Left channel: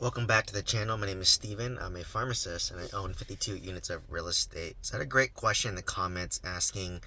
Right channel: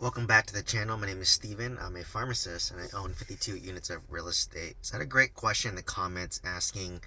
Welcome back to the channel. My name is Steven. I'm a pharmacist and I own 52 units of real estate. So I had a great question in the comments asking,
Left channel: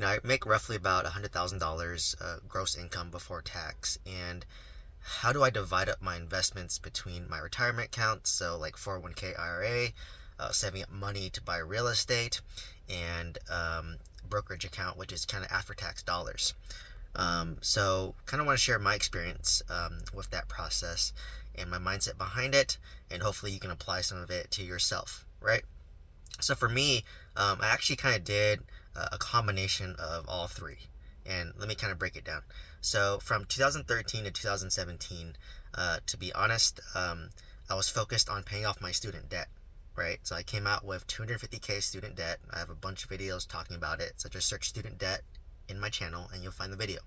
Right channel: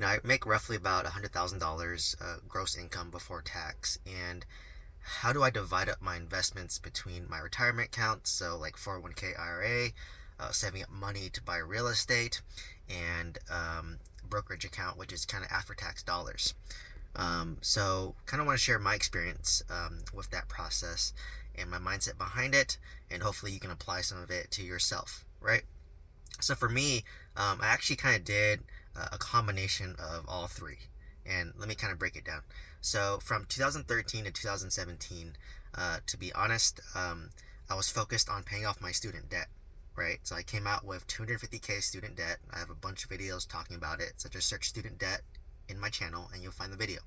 I make roughly about $100,000 gross income before tax. And how do I divide up my investments between my retirement accounts, so like 401k IRA, saving up money to buy real estate, and brokerage account, which is kind of after tax dollars. So kind of want to share my experience with that process and my mindset behind it, and hopefully you can apply some of it to yourself, right? So for me, I actually kind of did a combination of all three, and let me kind of break it down. So from 2013 to 2017, to be honest, I was focused on paying off my student debt, right? So I came out with 250K student debt. I have a bunch of videos talking about it, so just search student debt in my channel and you'll find the video.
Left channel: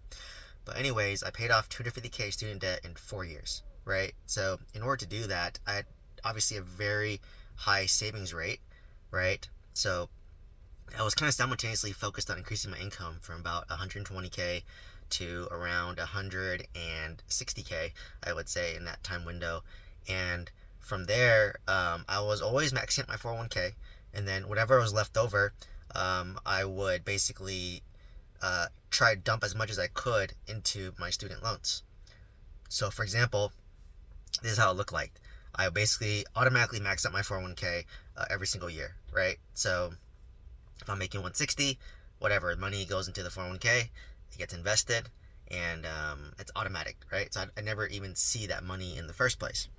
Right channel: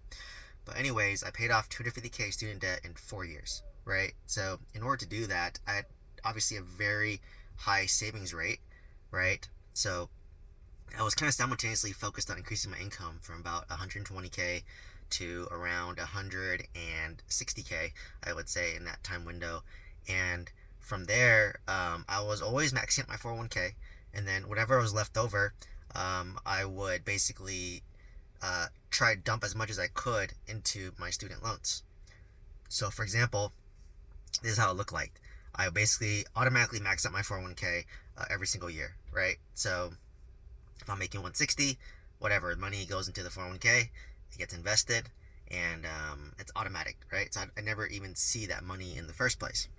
But anyways, I paid off 250K student debt in 4 years, right? So in order to do that, I had obviously a very high savings rate, right? So I was kind of simultaneously focused on increasing my income from about 120K to around 160K, I would say, in that time window. And from there, I was always maxing out my 401k, and then whatever was left over, I would basically try to dump as much as I could into my student loans. So, for example, this is how it looked like. I basically automatically max out my 401k every single year, right? So, if I'm making 160, whatever money goes into the 401k, it gets invested, and it's automatic, right? So I never even see that money in the first place.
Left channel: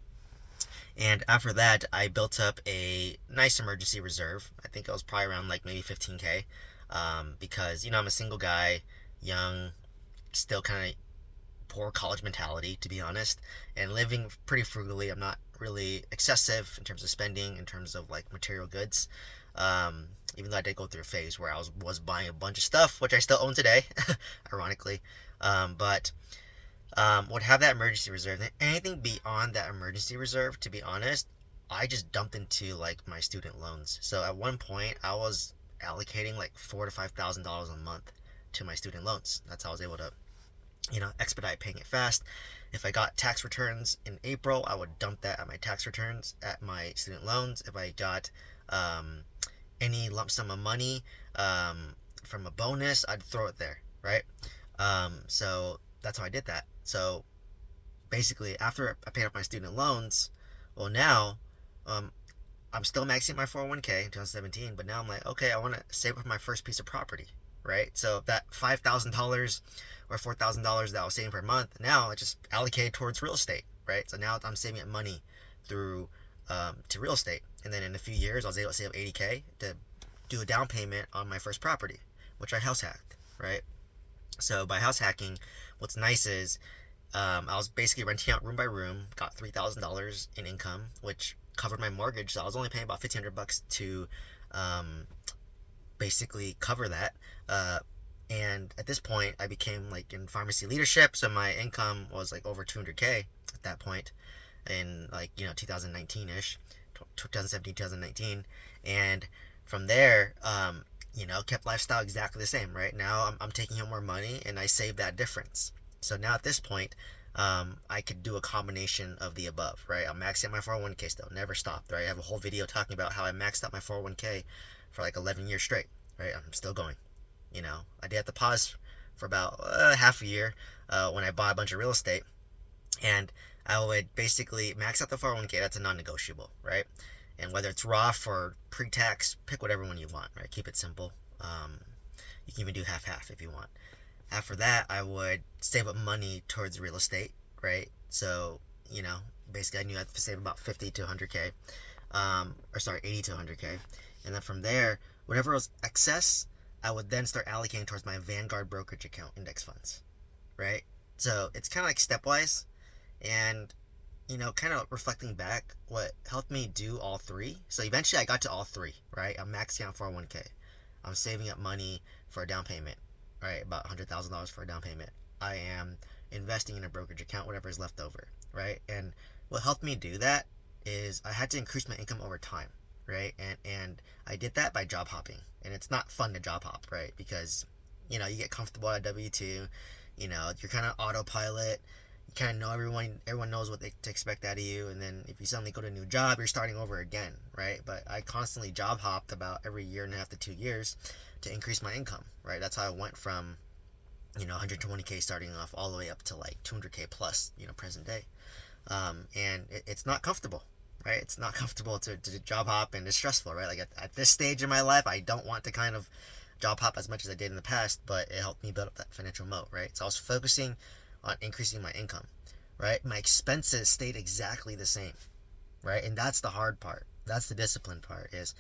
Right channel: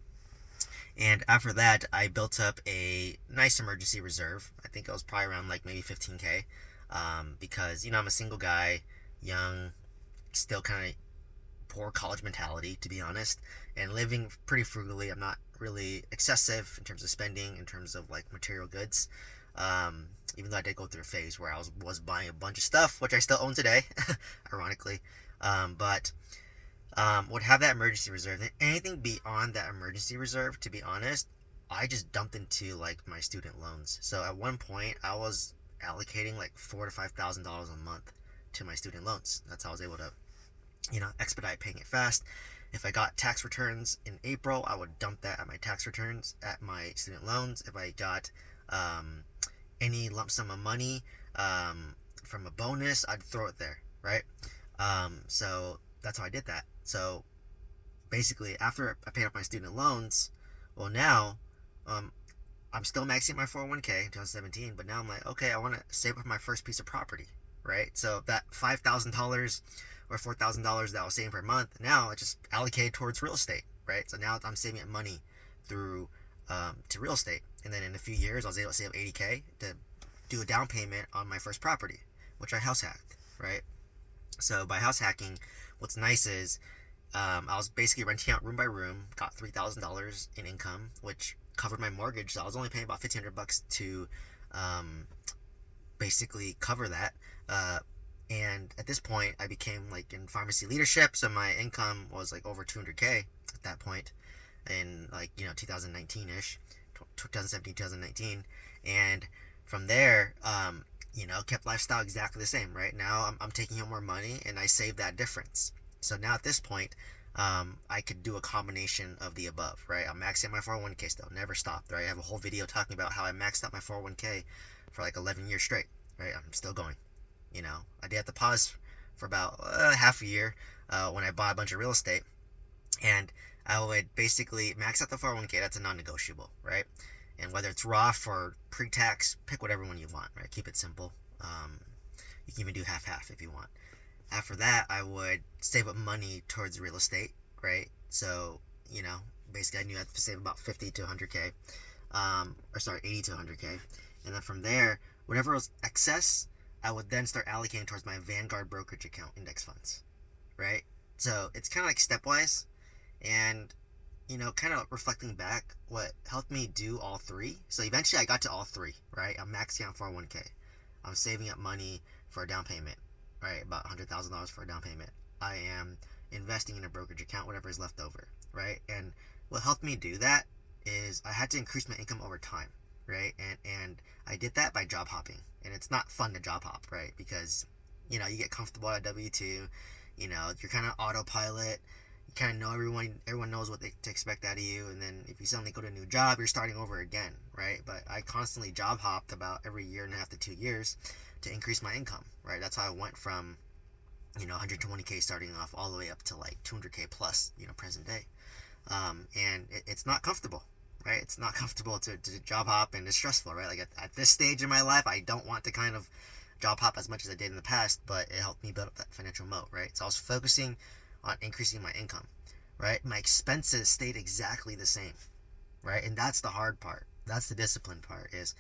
And after that, I built up a nice emergency reserve. I think it was probably around like maybe 15K, because I'm a single guy, young, still kind of poor college mentality, to be honest, and living pretty frugally. I'm not really excessive in terms of spending, in terms of like material goods. Even though I did go through a phase where I was buying a bunch of stuff, which I still own today, ironically. But would have that emergency reserve. And anything beyond that emergency reserve, to be honest, I just dumped into like my student loans. So at one point, I was allocating like $4,000 to $5,000 a month to my student loans. That's how I was able to, expedite paying it fast. If I got tax returns in April, I would dump that at my tax returns at my student loans. If I got any lump sum of money from a bonus, I'd throw it there, right? So that's how I did that. So basically, after I paid off my student loans, well, now I'm still maxing my 401k in 2017, but now I'm like, okay, I want to save up my first piece of property, right? So that $5,000 or $4,000 that I was saving per month, now I just allocated towards real estate, right? So now I'm saving up money through to real estate, and then in a few years, I was able to save 80K to do a down payment on my first property, which I house hacked, right? So by house hacking, what's nice is I was basically renting out room by room, got $3,000 in income, which covered my mortgage. So I was only paying about $1,500 to basically cover that. And at this point, I became like in pharmacy leadership, so my income was like over 200K at that point, in like 2019 ish, 2017, 2019, and from there, kept lifestyle exactly the same. Right now, I'm taking home more money, and I save that difference. So now at this point, I could do a combination of the above, right? I'm maxing out my 401k still, never stopped, right? I have a whole video talking about how I maxed out my 401k for like 11 years straight, right? I'm still going. I did have to pause for about half a year when I bought a bunch of real estate, and I would basically max out the 401k. That's a non-negotiable, right? And whether it's Roth or pre-tax, pick whatever one you want, right? Keep it simple. You can even do half-half if you want. After that, I would save up money towards real estate, right? So, basically I knew I had to save about 50 to 100K, 80 to 100K. And then from there, whatever was excess, I would then start allocating towards my Vanguard brokerage account index funds, right? So it's kind of like stepwise, and kind of reflecting back, what helped me do all three. So eventually I got to all three, right? I'm maxing out 401k. I'm saving up money for a down payment, right? About $100,000 for a down payment. I am investing in a brokerage account, whatever is left over, right? And what helped me do that is I had to increase my income over time, right? And I did that by job hopping. And it's not fun to job hop, right? Because you get comfortable at W2, you're kind of autopilot, kind of know everyone knows what to expect out of you, and then if you suddenly go to a new job, you're starting over again, right? But I constantly job hopped about every year and a half to 2 years to increase my income, right? That's how I went from 120K starting off all the way up to like 200K plus, present day. And it's not comfortable, right? It's not comfortable to job hop, and it's stressful, right? Like at this stage in my life, I don't want to kind of job hop as much as I did in the past, but it helped me build up that financial moat, right? So I was focusing on increasing my income, right? My expenses stayed exactly the same, right? And that's the hard part. That's the discipline part. Is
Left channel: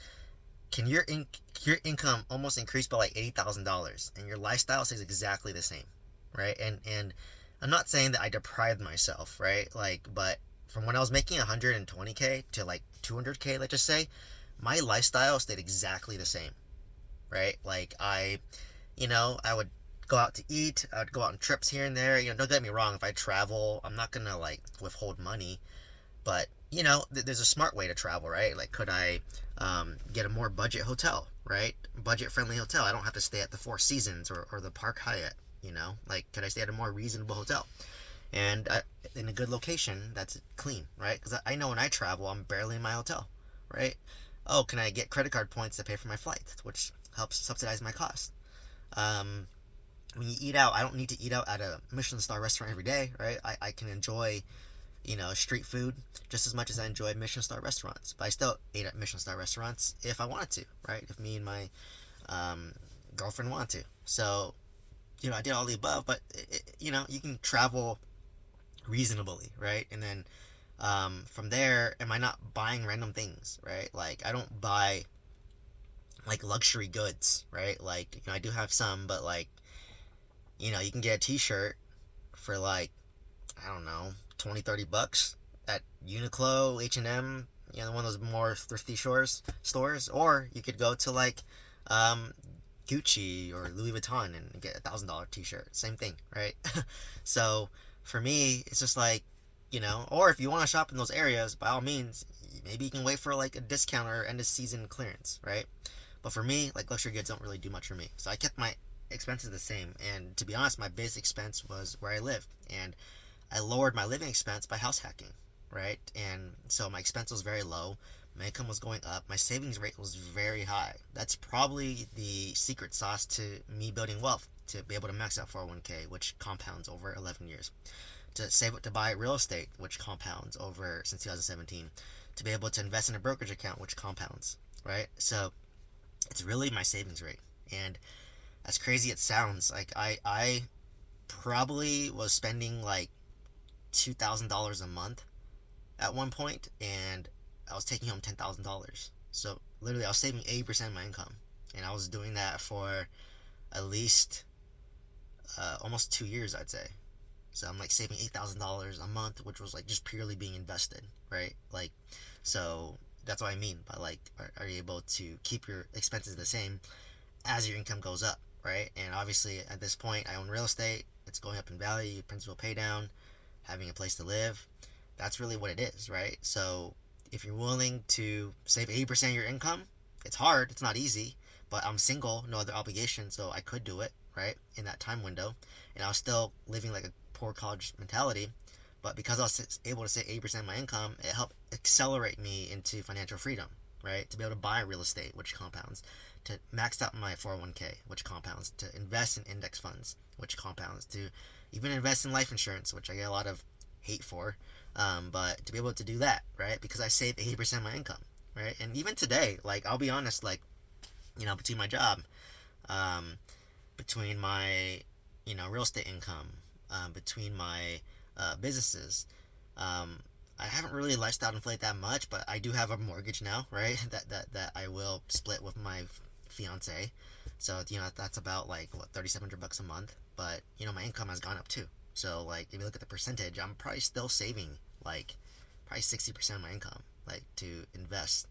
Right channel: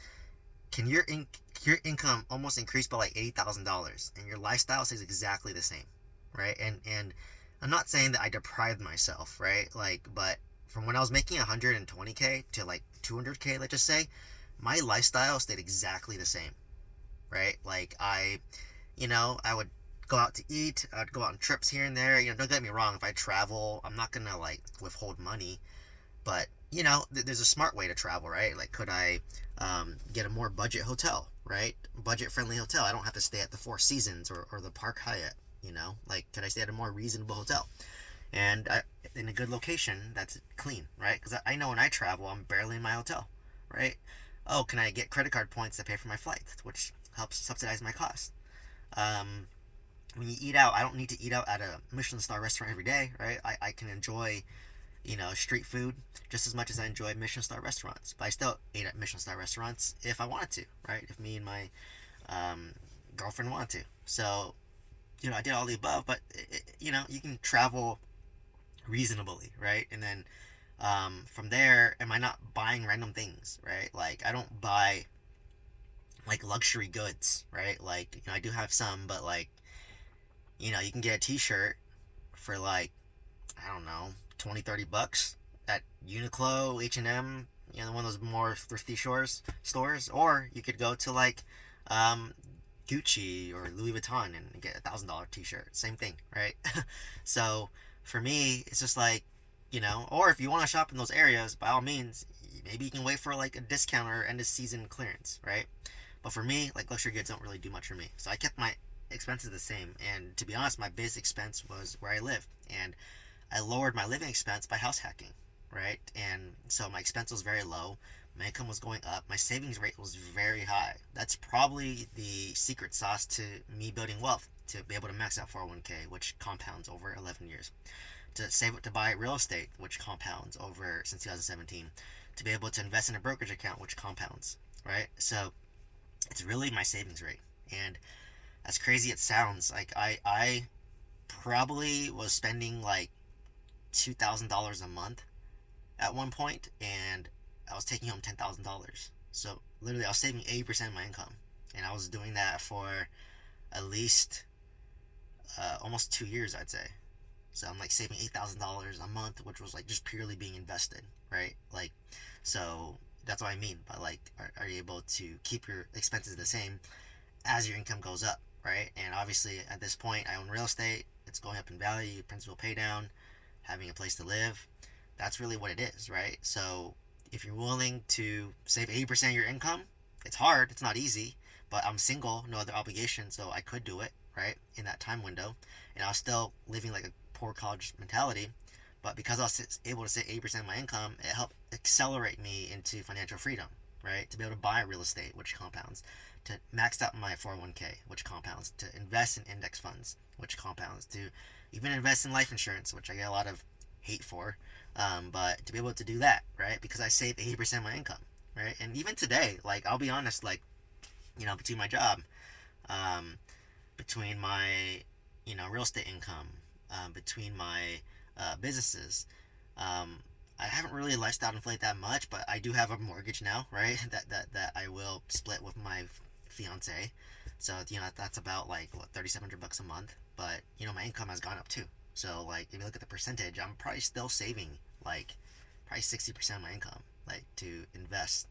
can your income almost increase by like $80,000 and your lifestyle stays exactly the same, right? And I'm not saying that I deprived myself, right? Like, but from when I was making 120K to like 200K, let's just say, my lifestyle stayed exactly the same, right? Like I would go out to eat. I'd go out on trips here and there. Don't get me wrong. If I travel, I'm not gonna like withhold money, but there's a smart way to travel, right? Like, could I get a more budget hotel, right? Budget friendly hotel. I don't have to stay at the Four Seasons or the Park Hyatt. Like, could I stay at a more reasonable hotel and in a good location that's clean, right? Because I know when I travel, I'm barely in my hotel, right? Oh, can I get credit card points to pay for my flight, which helps subsidize my cost? Um, when you eat out, I don't need to eat out at a Michelin star restaurant every day, right? I can enjoy street food just as much as I enjoy Michelin star restaurants. But I still ate at Michelin star restaurants if I wanted to, right? If me and my um, girlfriend wanted to. So, I did all the above, but you can travel reasonably, right? And then from there, am I not buying random things, right? Like, I don't buy like luxury goods, right? Like, I do have some, but like, you can get a t-shirt for like, I don't know, 20-30 bucks at Uniqlo, H&M, one of those more thrifty stores, or you could go to like um, Gucci or Louis Vuitton and get $1,000 t-shirt. Same thing, right? So for me, it's just like, or if you want to shop in those areas, by all means, maybe you can wait for like a discount or end of season clearance, right? But for me, like, luxury goods don't really do much for me. So I kept my expenses the same. And to be honest, my base expense was where I live. And I lowered my living expense by house hacking, right? And so my expense was very low. My income was going up. My savings rate was very high. That's probably the secret sauce to me building wealth, to be able to max out 401k, which compounds over 11 years, to save it to buy real estate, which compounds over since 2017, to be able to invest in a brokerage account, which compounds, right? So it's really my savings rate. And as crazy it sounds, like I probably was spending like $2,000 a month at one point, and I was taking home $10,000. So literally, I was saving 80% of my income, and I was doing that for at least almost 2 years, I'd say. So I'm like saving $8,000 a month, which was like just purely being invested, right? Like, so that's what I mean by like, are you able to keep your expenses the same as your income goes up, right? And obviously, at this point, I own real estate. It's going up in value, principal pay down, having a place to live. That's really what it is, right? So if you're willing to save 80% of your income, it's hard, it's not easy, but I'm single, no other obligation, so I could do it, right? In that time window. And I was still living like a poor college mentality, but because I was able to save 80% of my income, it helped accelerate me into financial freedom, right? To be able to buy real estate, which compounds, to max out my 401k, which compounds, to invest in index funds, which compounds, to even invest in life insurance, which I get a lot of hate for, but to be able to do that, right? Because I save 80% of my income, right? And even today, like, I'll be honest, like, between my job, um, between my, real estate income, between my businesses, um, I haven't really lifestyle inflated that much, but I do have a mortgage now, right? That I will split with my fiance. So that's about like what, 3,700 bucks a month. But my income has gone up too. So like, if you look at the percentage, I'm probably still saving like probably 60% of my income, like, to invest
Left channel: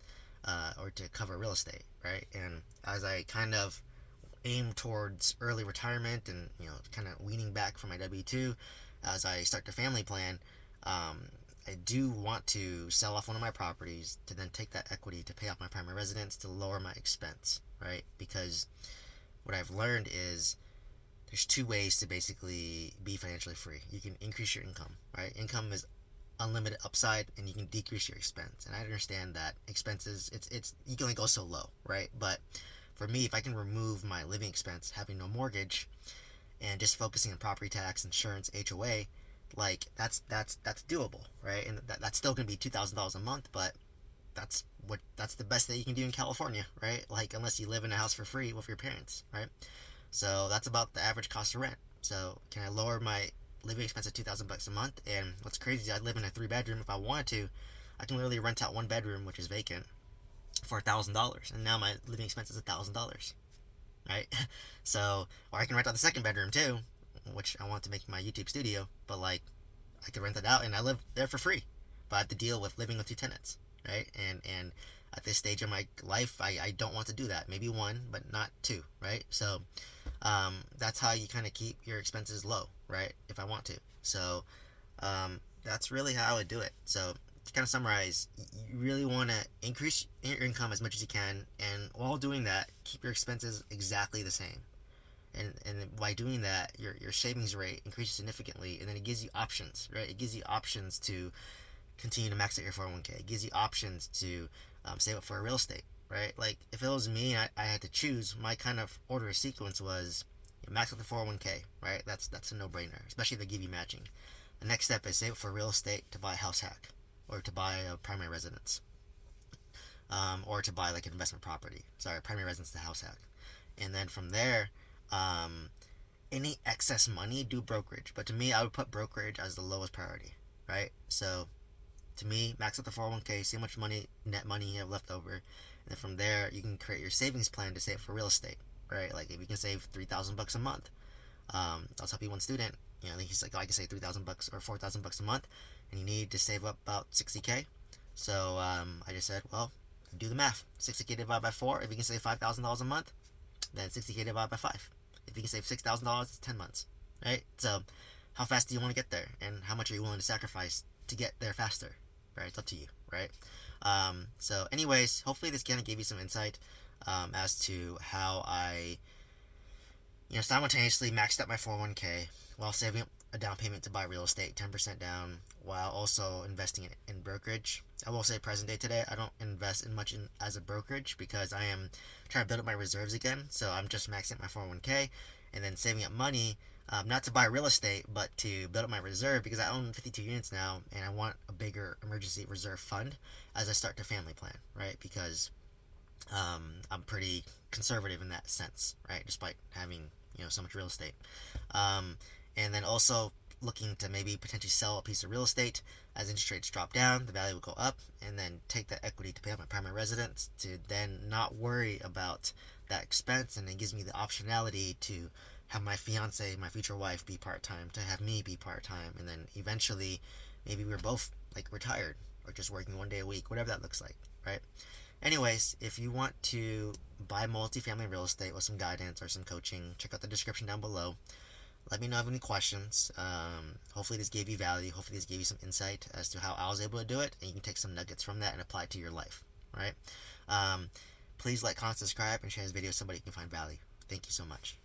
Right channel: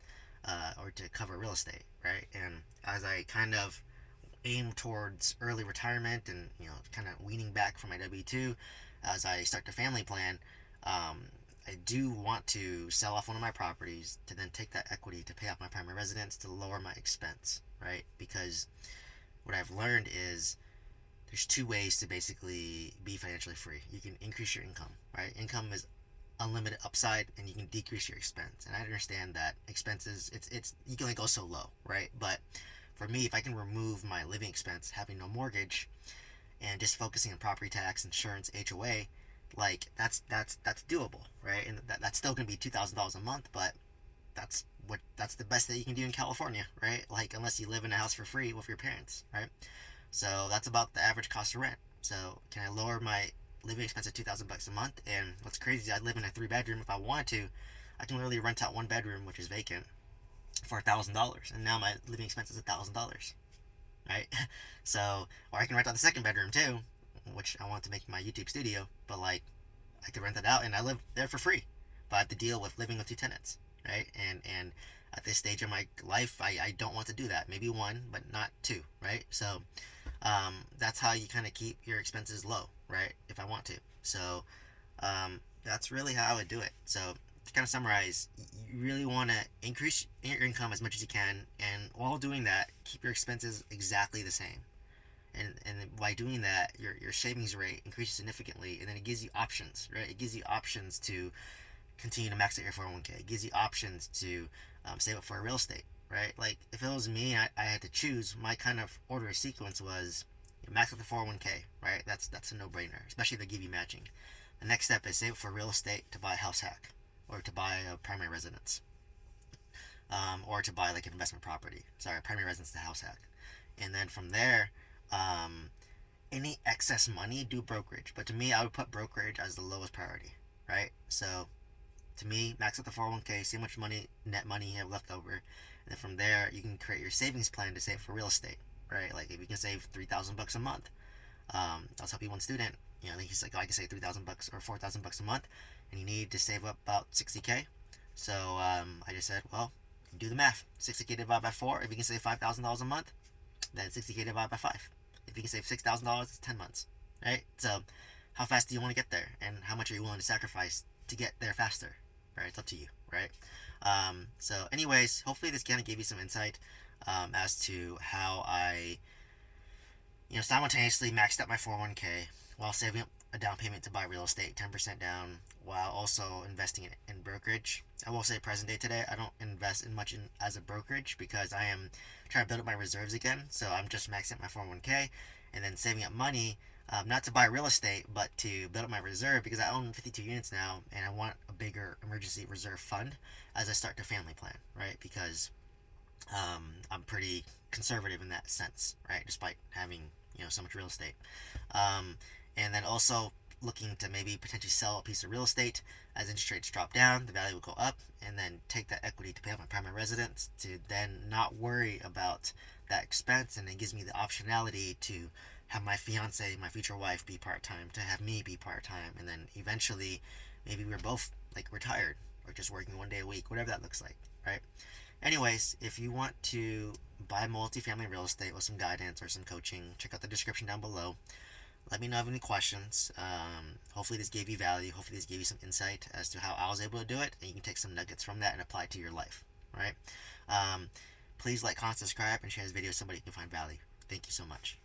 or to cover real estate, right? And as I kind of aim towards early retirement and kind of weaning back from my W-2, as I start the family plan, I do want to sell off one of my properties to then take that equity to pay off my primary residence to lower my expense, right? Because what I've learned is there's two ways to basically be financially free. You can increase your income, right? Income is unlimited upside, and you can decrease your expense. And I understand that expenses, it's you can only go so low, right? But for me, if I can remove my living expense, having no mortgage, and just focusing on property tax, insurance, HOA, like that's doable, right? And that's still gonna be $2,000 a month, but that's the best that you can do in California, right? Like, unless you live in a house for free with your parents, right? So that's about the average cost of rent. So can I lower my living expense to $2,000 a month? And what's crazy is I live in a 3 bedroom. If I wanted to, I can literally rent out 1 bedroom, which is vacant, for $1,000, and now my living expense is $1,000, right? So, or I can rent out the 2nd bedroom too, which I want to make my YouTube studio, but like, I could rent it out and I live there for free, but I have to deal with living with 2 tenants, right? And at this stage of my life, I don't want to do that. Maybe one, but not two, right? So that's how you kind of keep your expenses low, right? If I want to. So that's really how I would do it. So to kind of summarize, you really want to increase your income as much as you can, and while doing that, keep your expenses exactly the same. And by doing that, your savings rate increases significantly, and then it gives you options, right? It gives you options to continue to max out your 401k. It gives you options to save up for a real estate, right? Like, if it was me, I had to choose, my kind of order of sequence was, max out the 401k, right? That's a no-brainer, especially if they give you matching. The next step is save up for real estate to buy a house hack, or to buy a primary residence, or to buy like an investment property. Sorry, a primary residence to house hack. And then from there, any excess money, do brokerage. But to me, I would put brokerage as the lowest priority, right? So to me, max out the 401k, see how much money, net money you have left over, and then from there you can create your savings plan to save for real estate, right? Like, if you can save $3,000 a month, I was helping one student, I think he's like, I can save $3,000 or $4,000 a month, and you need to save up about 60k. So I just said, well, do the math. 60k divided by 4. If you can save $5,000 a month, then 60k divided by 5. If you can save $6,000, it's 10 months, right? So how fast do you want to get there, and how much are you willing to sacrifice to get there faster, right? It's up to you, right? So anyways, hopefully this kind of gave you some insight as to how I simultaneously maxed out my 401k while saving up a down payment to buy real estate, 10% down, while also investing in brokerage. I will say, present day today, I don't invest in much as a brokerage, because I am trying to build up my reserves again. So I'm just maxing out my 401k and then saving up money, not to buy real estate, but to build up my reserve, because I own 52 units now, and I want a bigger emergency reserve fund as I start to family plan, right? Because I'm pretty conservative in that sense, right? Despite having so much real estate, and then also looking to maybe potentially sell a piece of real estate as interest rates drop down, the value will go up, and then take that equity to pay off my primary residence, to then not worry about that expense, and it gives me the optionality to have my fiance, my future wife, be part-time, to have me be part-time, and then eventually maybe we're both like retired, or just working 1 day a week, whatever that looks like, right? Anyways, if you want to buy multifamily real estate with some guidance or some coaching, check out the description down below. Let me know if you have any questions. Hopefully this gave you value. Hopefully this gave you some insight as to how I was able to do it, and you can take some nuggets from that and apply it to your life, right? Please like, comment, subscribe, and share this video with somebody who can find value. Thank you so much.